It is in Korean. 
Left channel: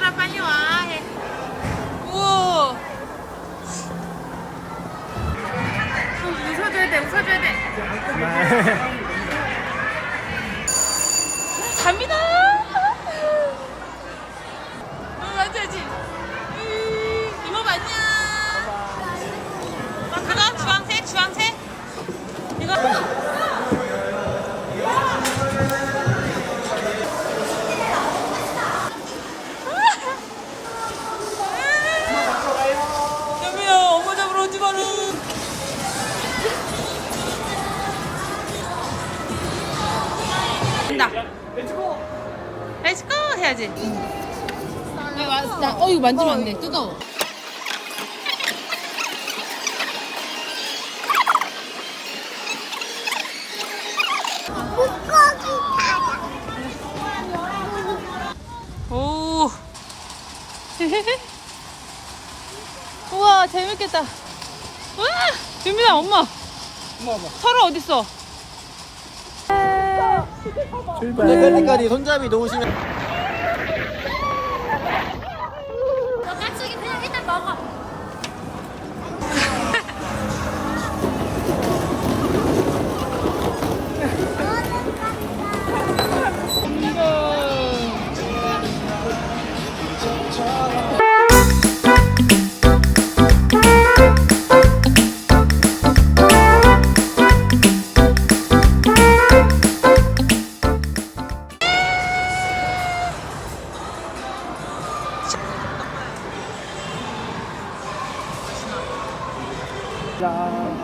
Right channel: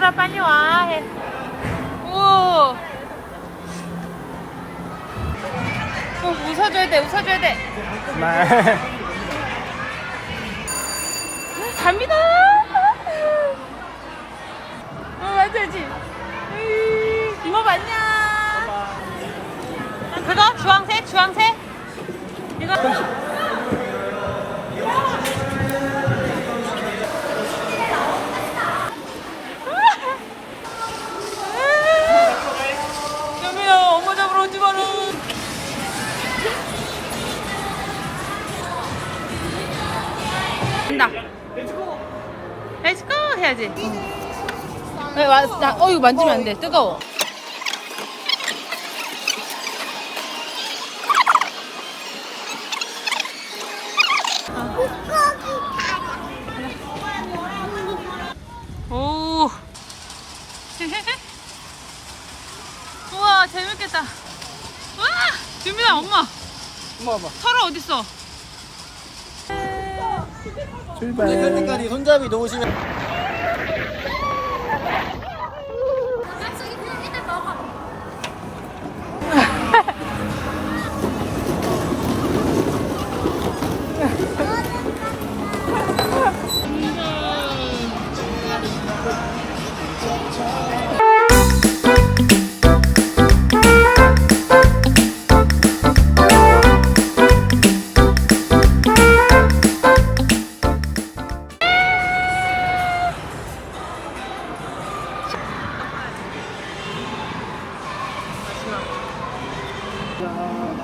빨리 와. 해. 우와. 어, 웃어줘야 돼, 웃어줘야 돼. 갑니다. 어, 앉아야지. 된다. 렛츠고 해야지. 나, 나, 나, 어 이거 만지면 안 돼. 뜨거워. 오. 우와 재밌겠다. 와, 유민아 엄마. 엄마. 서로 어디 있어? 출발. 색깔이 손잡이 놓으시면. Yeah.